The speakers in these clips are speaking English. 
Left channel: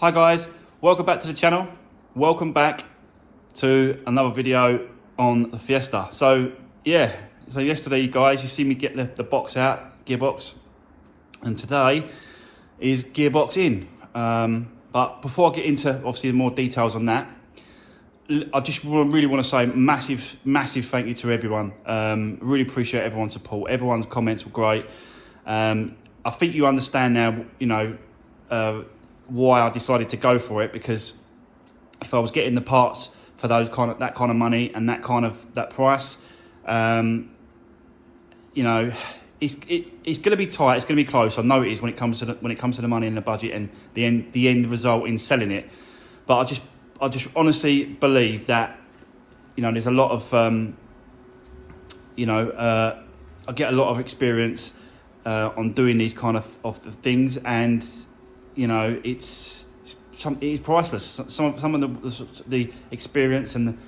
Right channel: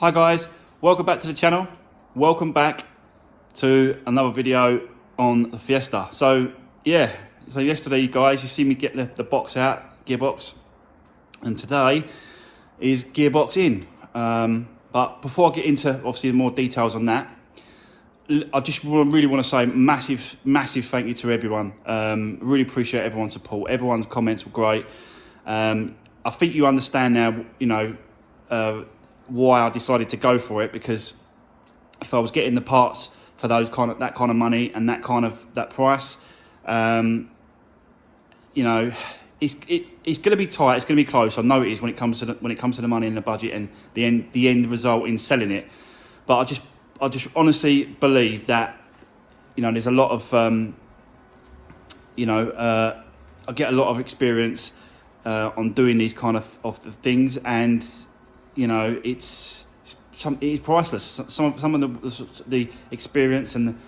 Hi guys, welcome back to the channel. Welcome back to another video on the Fiesta. So yesterday guys, you see me get the box out, Gearbox, and today is Gearbox in. But before I get into obviously more details on that, I just really want to say massive thank you to everyone. Really appreciate everyone's support. Everyone's comments were great. I think you understand now, you know, why I decided to go for it, because if I was getting the parts for that kind of money and that price, you know, it's going to be tight. It's going to be close. I know it is when it comes to the money and the budget and the end result in selling it. But I just honestly believe that, you know, there's a lot of I get a lot of experience on doing these kind of things, and you know, it's priceless. Some of the experience and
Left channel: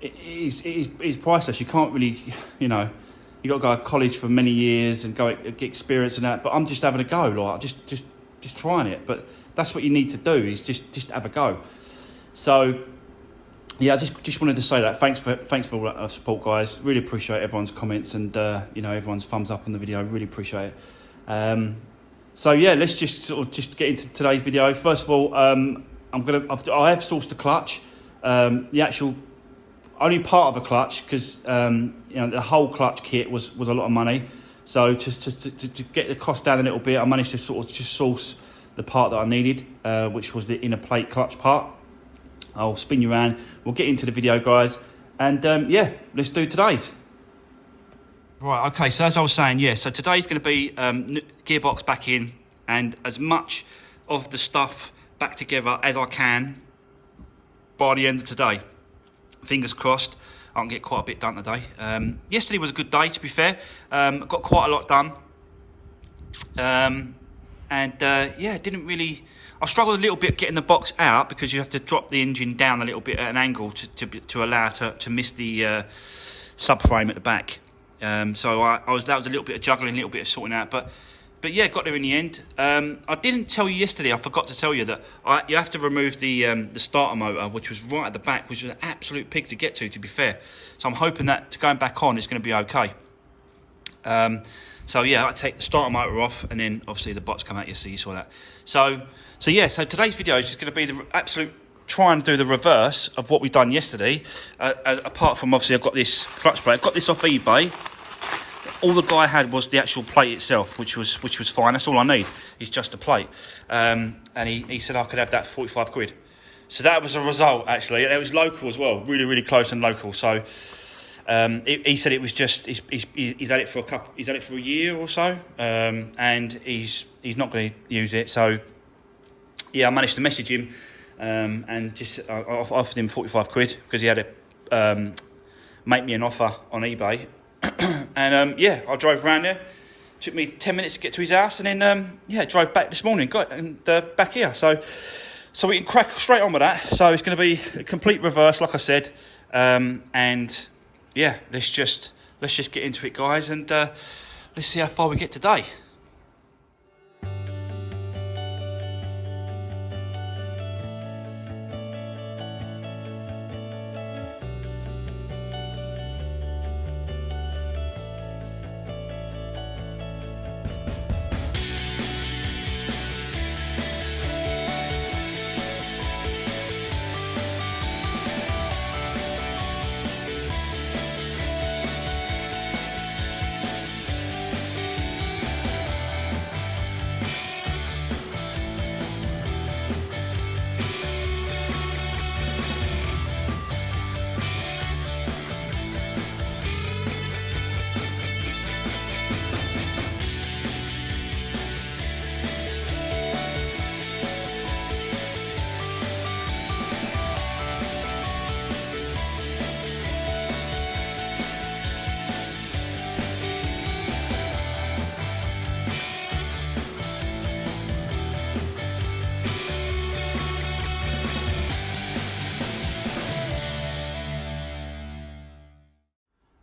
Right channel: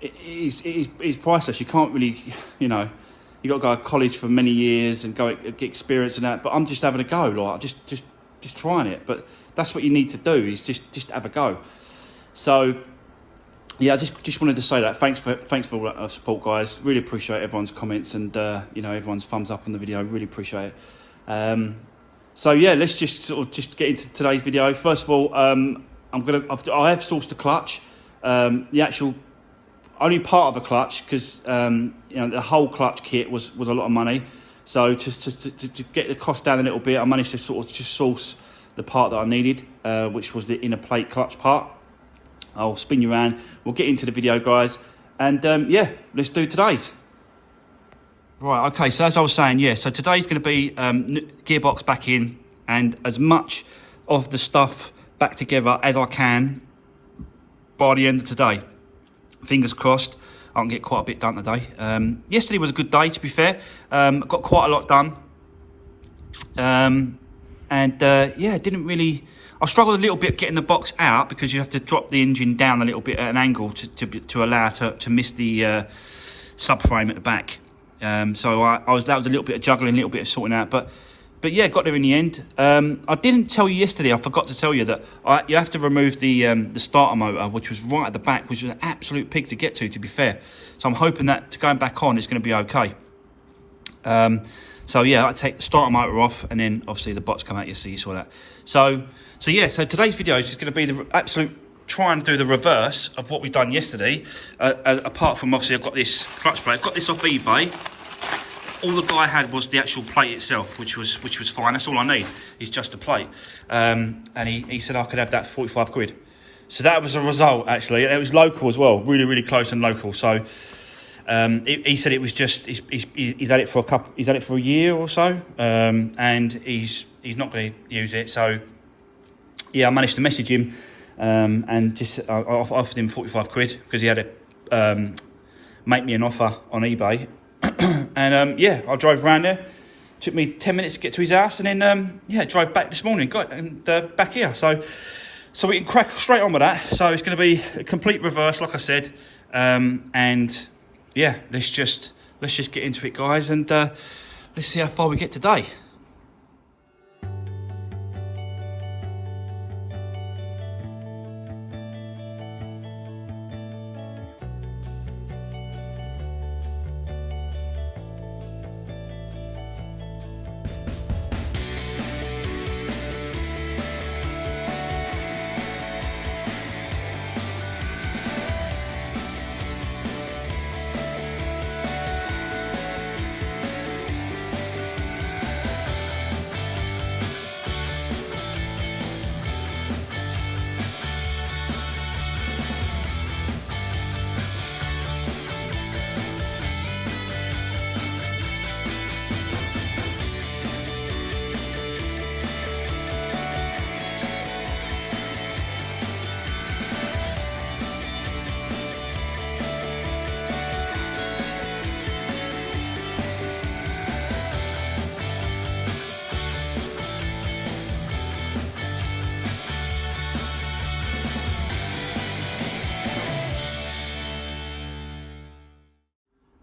it is priceless. You can't really, you know, you got to go to college for many years and go get experience and that. But I'm just having a go, like just trying it. But that's what you need to do, is just have a go. So yeah, I just wanted to say that. Thanks for all that support, guys. Really appreciate everyone's comments and you know, everyone's thumbs up on the video. Really appreciate it. So yeah, let's just get into today's video. First of all, I have sourced a clutch, the actual only part of a clutch, because you know, the whole clutch kit was a lot of money. So to get the cost down a little bit, I managed to just source the part that I needed, which was the inner plate clutch part. I'll spin you around. We'll get into the video, guys, and yeah, let's do today's. Right, okay, so as I was saying, yeah, so today's going to be Gearbox back in, and as much of the stuff back together as I can by the end of today. Fingers crossed, I can get quite a bit done today. Yesterday was a good day, to be fair. Got quite a lot done. Yeah, didn't really... I struggled a little bit getting the box out, because you have to drop the engine down a little bit at an angle to allow to miss the subframe at the back. So that was a little bit of juggling, a little bit of sorting out, but yeah, got there in the end. I didn't tell you yesterday, I forgot to tell you that you have to remove the starter motor, which was right at the back, which was an absolute pig to get to be fair. So I'm hoping that going back on is going to be okay. So yeah, I take the starter motor off, and then obviously the box come out yesterday, you saw that. So yeah, so today's video is going to be the absolute try and do the reverse of what we've done yesterday. Apart from, obviously, I've got this clutch plate. I got this off eBay. All the guy had was the actual plate itself, which was fine. That's all I need, is just a plate. And he said I could have that for 45 quid. So that was a result, actually. And it was local as well, really close and local. So he said it was just he's had it for a year or so, and he's not going to use it. So yeah, I managed to message him. And just I offered him 45 quid because he had to make me an offer on eBay. And yeah, I drove around there. Took me 10 minutes to get to his house, and then yeah, drove back this morning. Back here. So we can crack straight on with that. So it's going to be a complete reverse, like I said. And yeah, let's just get into it, guys, and let's see how far we get today.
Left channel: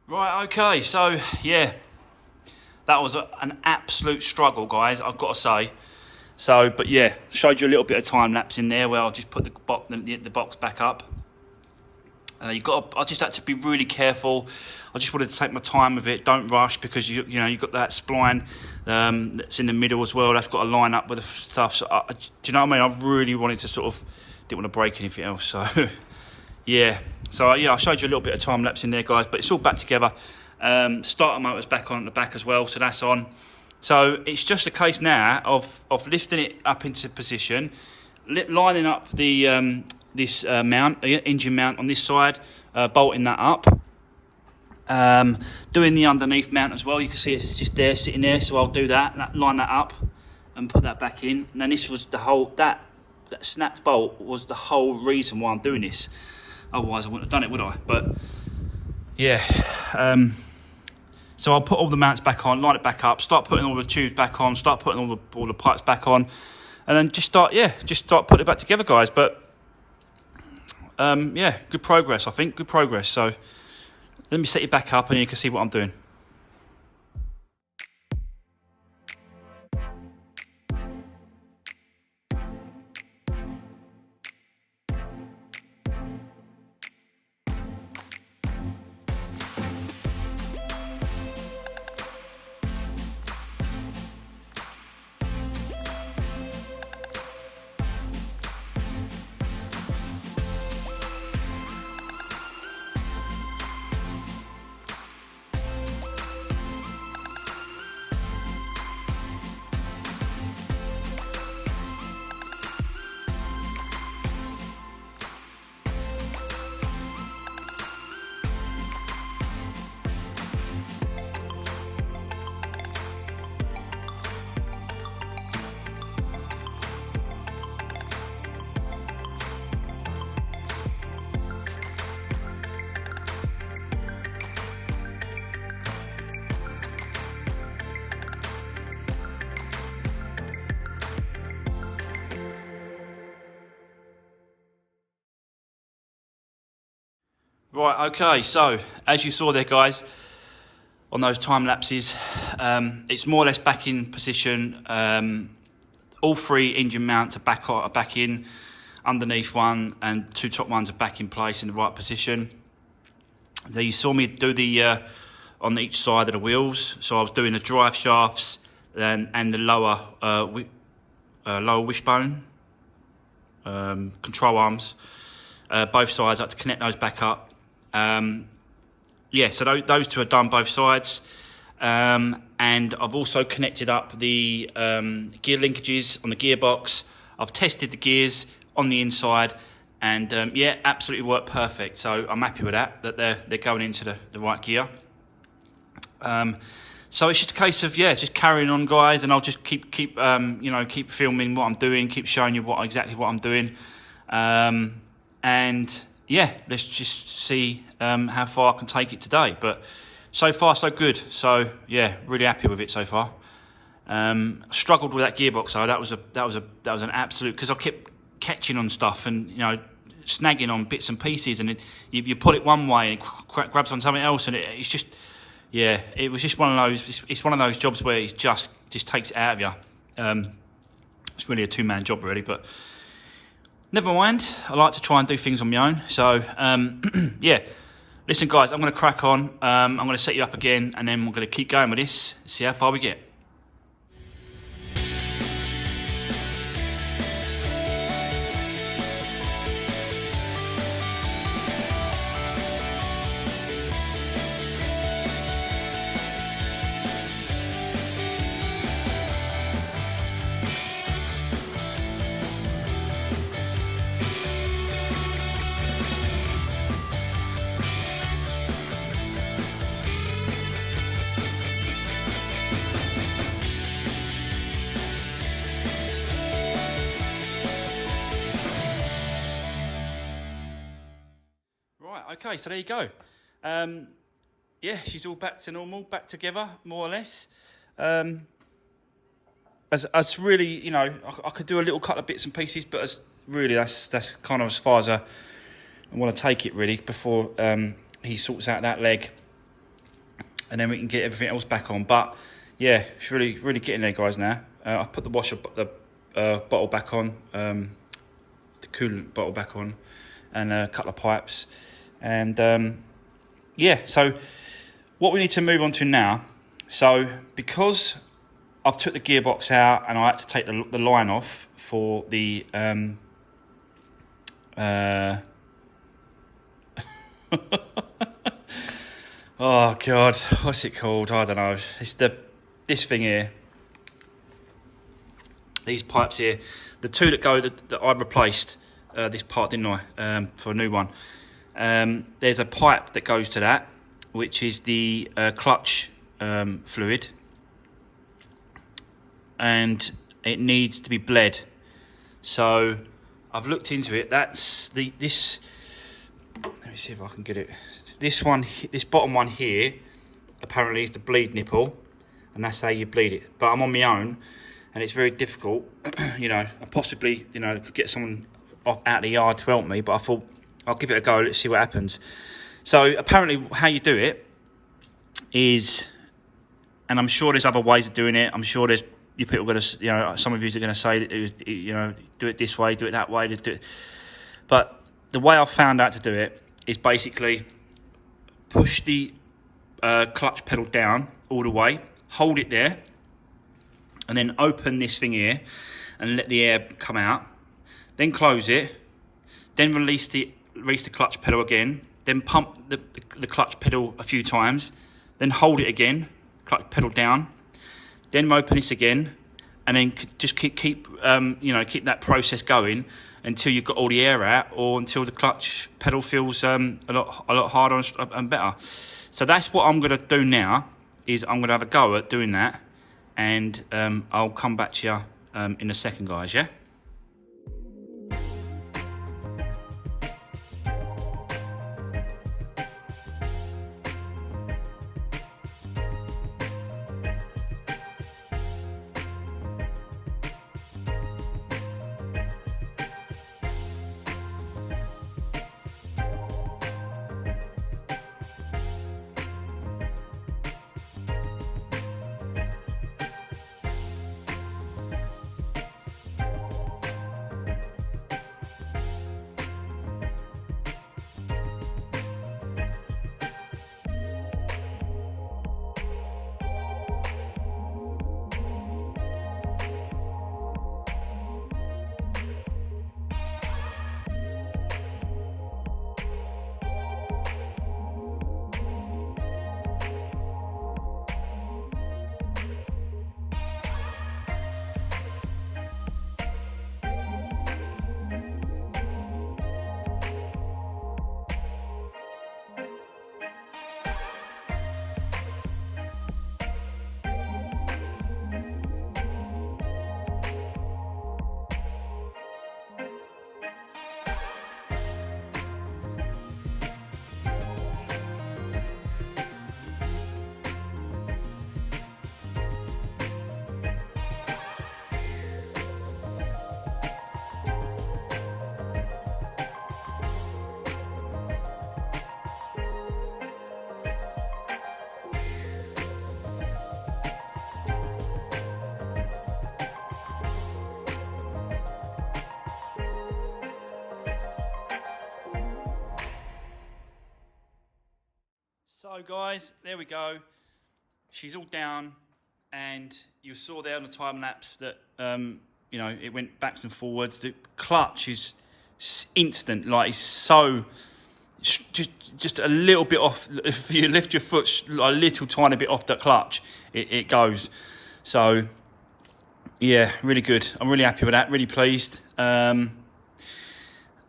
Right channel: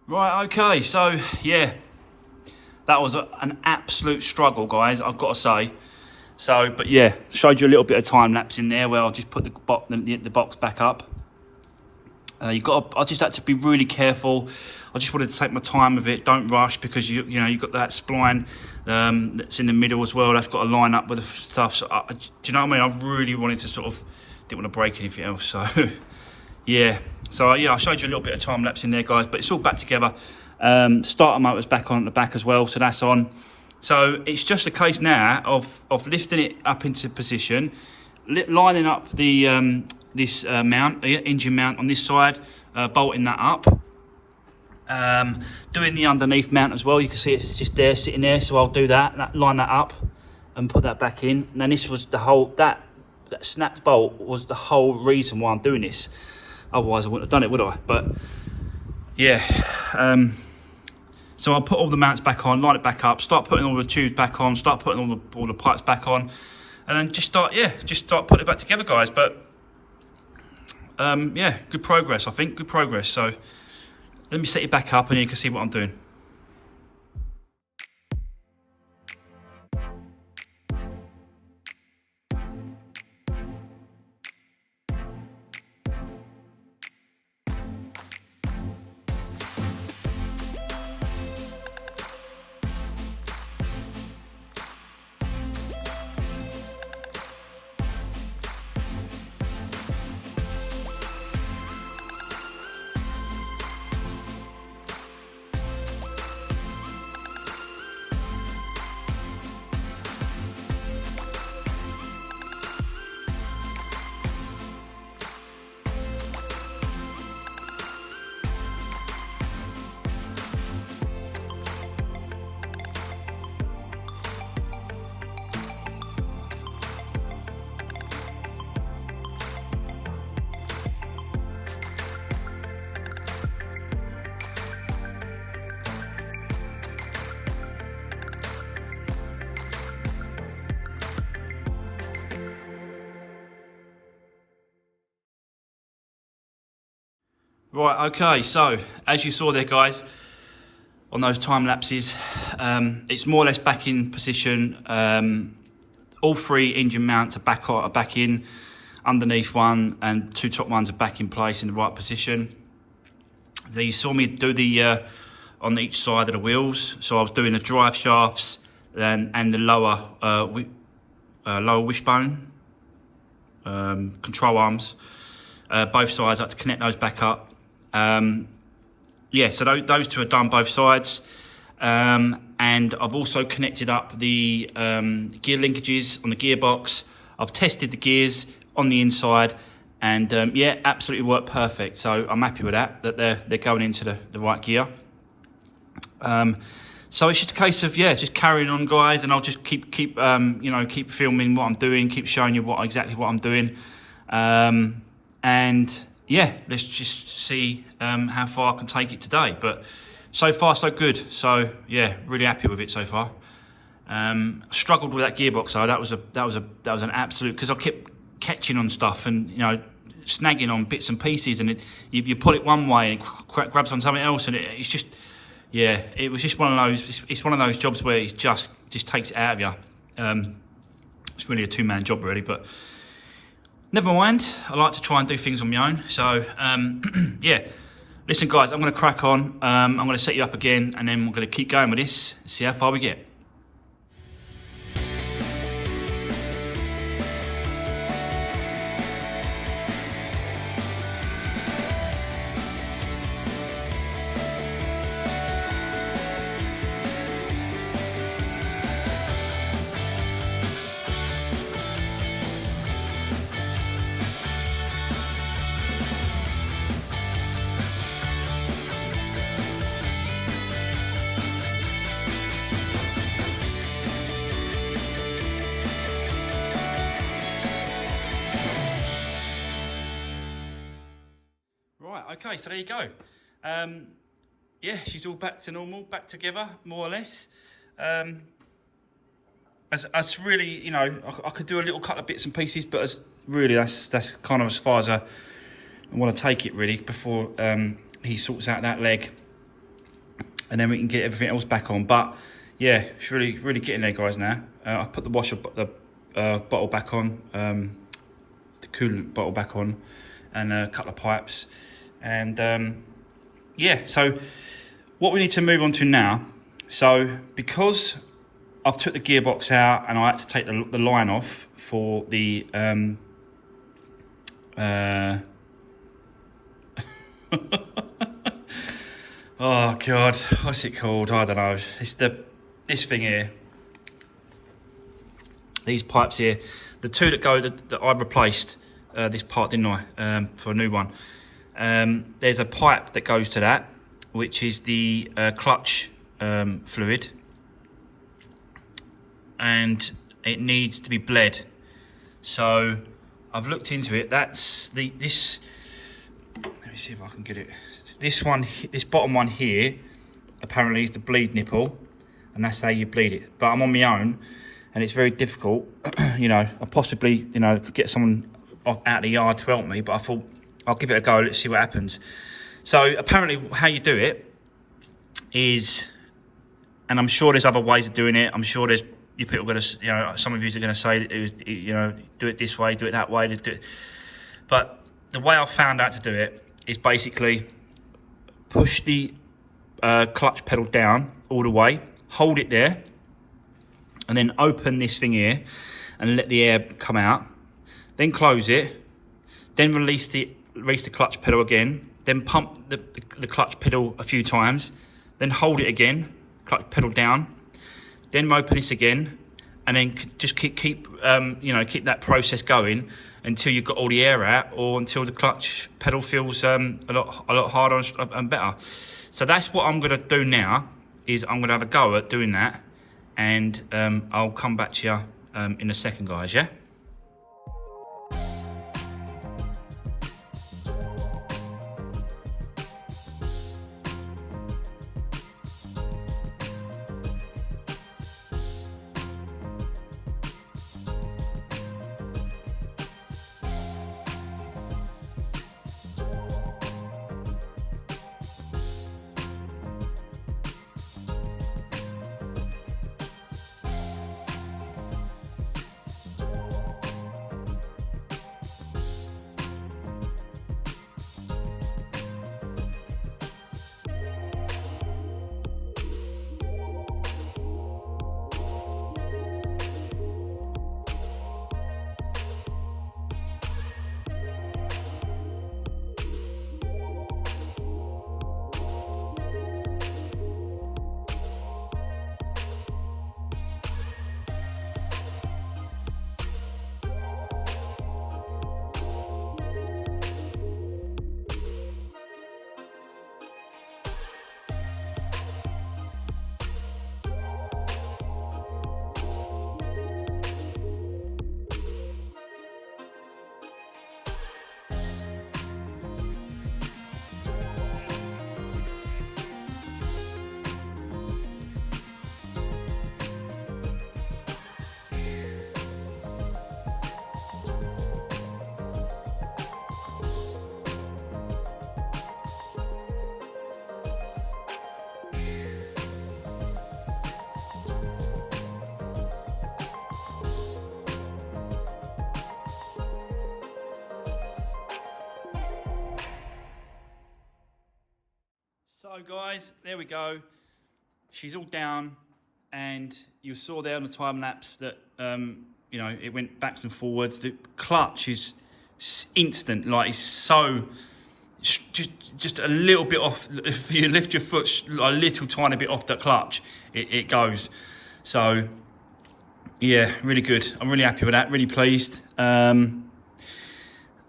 Right, okay, so yeah, that was an absolute struggle, guys, I've got to say. So, but yeah, showed you a little bit of time lapse in there where I'll just put the box back up. I just had to be really careful. I just wanted to take my time with it. Don't rush, because you know you've got that spline that's in the middle as well. That's got to line up with the stuff. So do you know what I mean? I really wanted to didn't want to break anything else. So yeah. So yeah, I showed you a little bit of time lapse in there, guys. But it's all back together. Starter motor's back on at the back as well, so that's on. So it's just a case now of lifting it up into position, lining up the this mount, engine mount on this side, bolting that up, doing the underneath mount as well. You can see it's just there, sitting there, so I'll do that, line that up and put that back in. And then this was the whole, that snapped bolt was the whole reason why I'm doing this. Otherwise I wouldn't have done it, would I? But yeah, so I'll put all the mounts back on, line it back up, start putting all the tubes back on, start putting all the pipes back on, and then just start putting it back together, guys. But yeah, good progress, I think, good progress. So let me set it back up and you can see what I'm doing. Right, okay, so as you saw there, guys, on those time lapses, it's more or less back in position. All three engine mounts are back in, underneath one, and two top ones are back in place in the right position. So you saw me do the on each side of the wheels. So I was doing the drive shafts and the lower wishbone control arms, both sides. I had to connect those back up. Yeah, so those two are done both sides, and I've also connected up the gear linkages on the gearbox. I've tested the gears on the inside, and yeah, absolutely worked perfect. So I'm happy with that they're going into the right gear. So it's just a case of, yeah, just carrying on, guys, and I'll just keep you know, keep filming what I'm doing, keep showing you exactly what I'm doing, and yeah, let's just see how far I can take it today. But so far so good. So yeah, really happy with it so far. Struggled with that gearbox though. That was an absolute, because I kept catching on stuff and, you know, snagging on bits and pieces, and you pull it one way and it grabs on something else, and it's just, yeah, it was just one of those. It's one of those jobs where it just takes it out of you. It's really a two-man job really, but never mind. I like to try and do things on my own. So yeah, listen, guys, I'm going to crack on. I'm going to set you up again, and then we're going to keep going with this, see how far we get. Okay, so there you go. Yeah, she's all back to normal, back together, more or less. As really, you know, I could do a little couple of bits and pieces, but that's kind of as far as I want to take it really, before he sorts out that leg, and then we can get everything else back on. But yeah, it's really getting there, guys. Now I put the washer, the bottle back on, the coolant bottle back on, and a couple of pipes. And yeah, so what we need to move on to now, so because I've took the gearbox out and I had to take the line off for the oh god, what's it called? I don't know. It's this thing here. These pipes here, the two that go that I replaced this part, didn't I? For a new one. There's a pipe that goes to that, which is the clutch fluid, and it needs to be bled. So I've looked into it. That's this. Let me see if I can get it. This one, this bottom one here, apparently is the bleed nipple, and that's how you bleed it. But I'm on my own, and it's very difficult. You know, I possibly, you know, could get someone out of the yard to help me, but I thought I'll give it a go. Let's see what happens. So apparently, how you do it is, and I'm sure there's other ways of doing it. I'm sure there's people going to, you know, some of you are going to say, you know, do it this way, do it that way, do it. But the way I found out to do it is basically push the clutch pedal down all the way, hold it there, and then open this thing here and let the air come out. Then close it, then release the clutch pedal again, then pump the clutch pedal a few times, then hold it again, clutch pedal down, then open this again, and then just keep you know, keep that process going until you've got all the air out, or until the clutch pedal feels a lot harder and better. So that's what I'm going to do now. Is I'm going to have a go at doing that, and I'll come back to you in a second, guys. Yeah. So guys, there we go. She's all down, and you saw there on the time lapse that you know, it went backwards and forwards. The clutch is instant, like it's so just a little bit off. If you lift your foot a little tiny bit off the clutch, it goes. So yeah, really good. I'm really happy with that. Really pleased.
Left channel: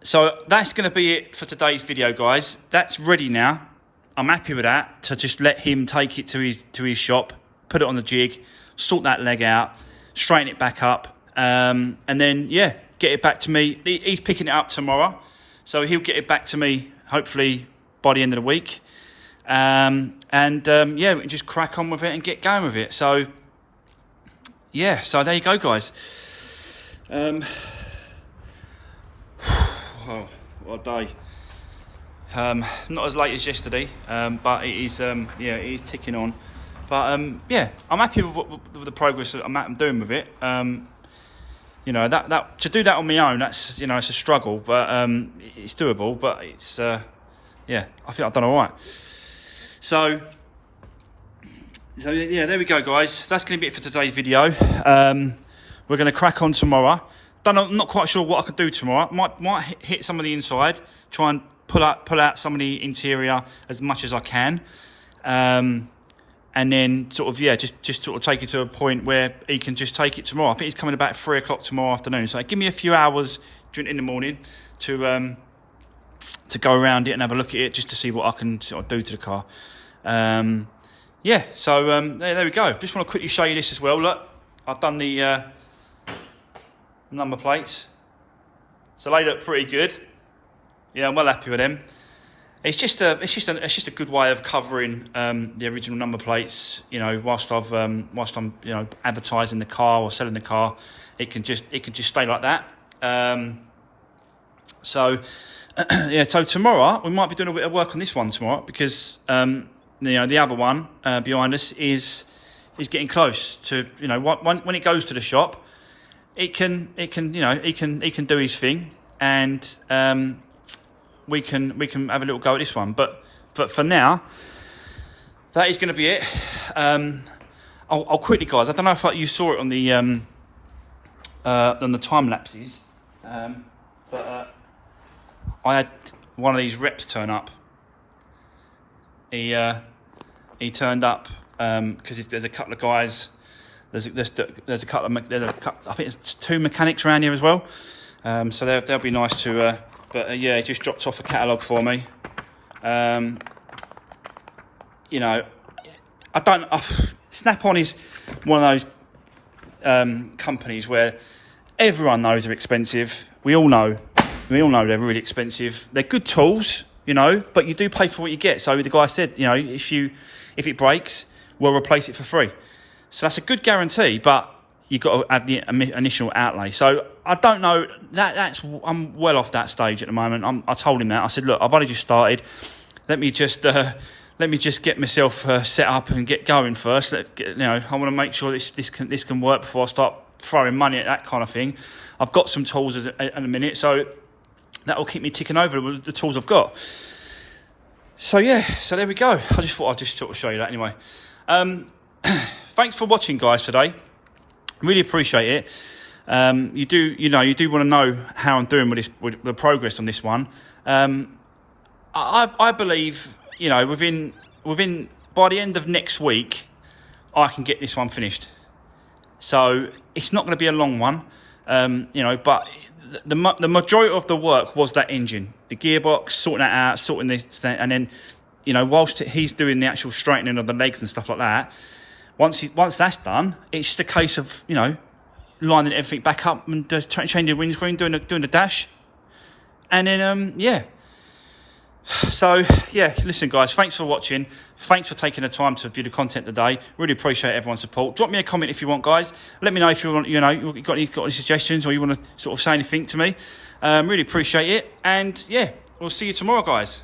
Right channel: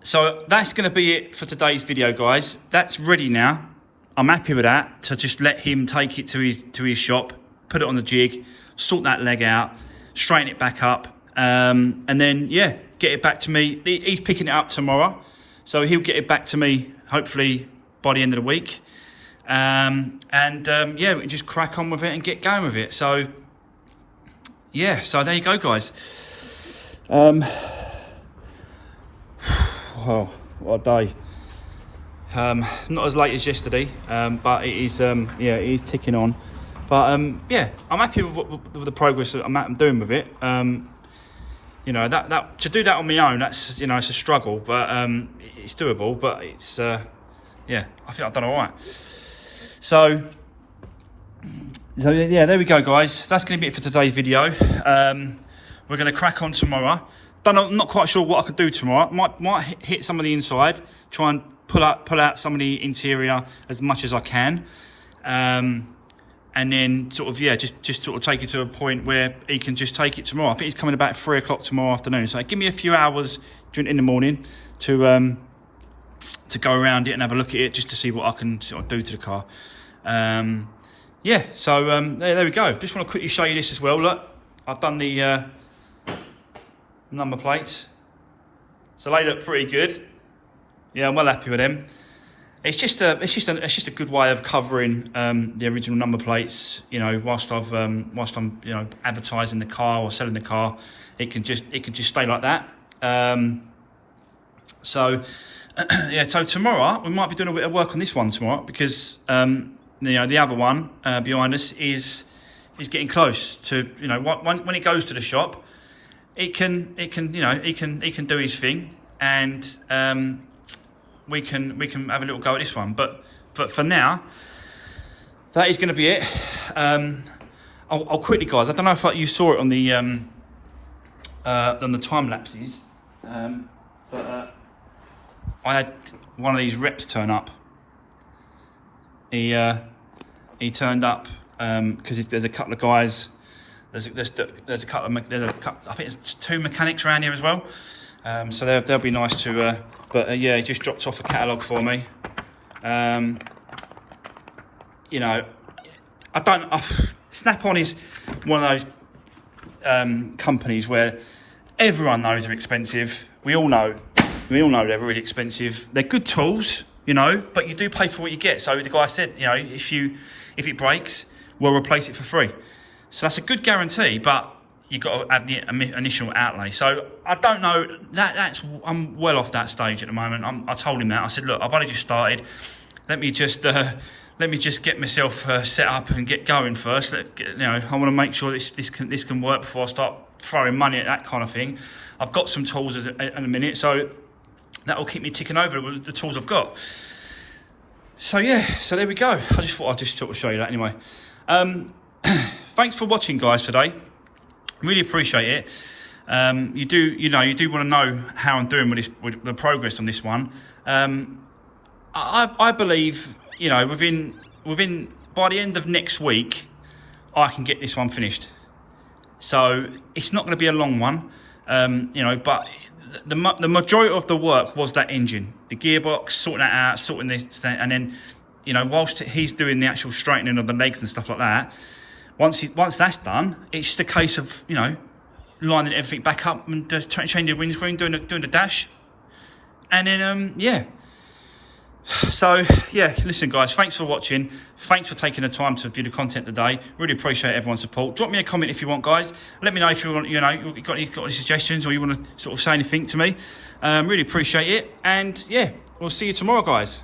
So that's going to be it for today's video, guys. That's ready now. I'm happy with that, to just let him take it to his shop, put it on the jig, sort that leg out, straighten it back up, and then, yeah, get it back to me. He's picking it up tomorrow, so he'll get it back to me, hopefully, by the end of the week. Yeah, we can just crack on with it and get going with it. So, yeah, so there you go, guys. Oh, what a day. Not as late as yesterday, but it is, yeah, it is ticking on. But yeah, I'm happy with the progress that I'm doing with it. you know, that to do that on my own, that's, you know, it's a struggle, but it's doable. But it's yeah, I think I've done all right. So yeah, there we go, guys. That's going to be it for today's video. We're going to crack on tomorrow. I'm not quite sure what I could do tomorrow. Might hit some of the inside, try and pull out some of the interior as much as I can, and then sort of, yeah, just sort of take it to a point where he can just take it tomorrow. I think he's coming about 3 o'clock tomorrow afternoon, so give me a few hours in the morning to go around it and have a look at it, just to see what I can sort of do to the car. Yeah, so there we go. Just want to quickly show you this as well. Look, I've done the number plates, so they look pretty good. Yeah, I'm well happy with them. It's just a good way of covering the original number plates. You know, whilst I'm you know, advertising the car or selling the car, it can just stay like that. So yeah, so tomorrow we might be doing a bit of work on this one tomorrow, because you know, the other one behind us is getting close to, you know, when it goes to the shop, it can you know, he can do his thing, and we can have a little go at this one. But for now, that is going to be it. I'll quickly, guys, I don't know if you saw it on the time lapses, but I had one of these reps turn up. He turned up because there's a couple of guys. There's a couple. I think there's 2 mechanics around here as well. So they'll be nice to. But yeah, he just dropped off a catalogue for me. You know, Snap-on is one of those companies where everyone knows they're expensive. We all know they're really expensive. They're good tools, you know, but you do pay for what you get. So the guy said, you know, if it breaks, we'll replace it for free. So that's a good guarantee, but you've got to add the initial outlay. So I don't know, I'm well off that stage at the moment. I told him that. I said, look, I've only just started. Let me just get myself set up and get going first. You know, I want to make sure this can work before I start throwing money at that kind of thing. I've got some tools in a minute, so that will keep me ticking over with the tools I've got. So yeah, so there we go. I just thought I'd just sort of show you that anyway. Thanks for watching, guys, today. Really appreciate it. You do want to know how I'm doing with the progress on this one. I believe, you know, within by the end of next week, I can get this one finished. So it's not going to be a long one, you know, but the majority of the work was that engine, the gearbox, sorting that out, sorting this, and then, you know, whilst he's doing the actual straightening of the legs and stuff like that, once that's done, it's just a case of, you know, lining everything back up and just changing the windscreen, doing the dash, and then yeah. So yeah, listen, guys, thanks for watching. Thanks for taking the time to view the content today. Really appreciate everyone's support. Drop me a comment if you want, guys. Let me know if you want, you know, you've got any suggestions, or you want to sort of say anything to me. Really appreciate it. And yeah, we'll see you tomorrow, guys.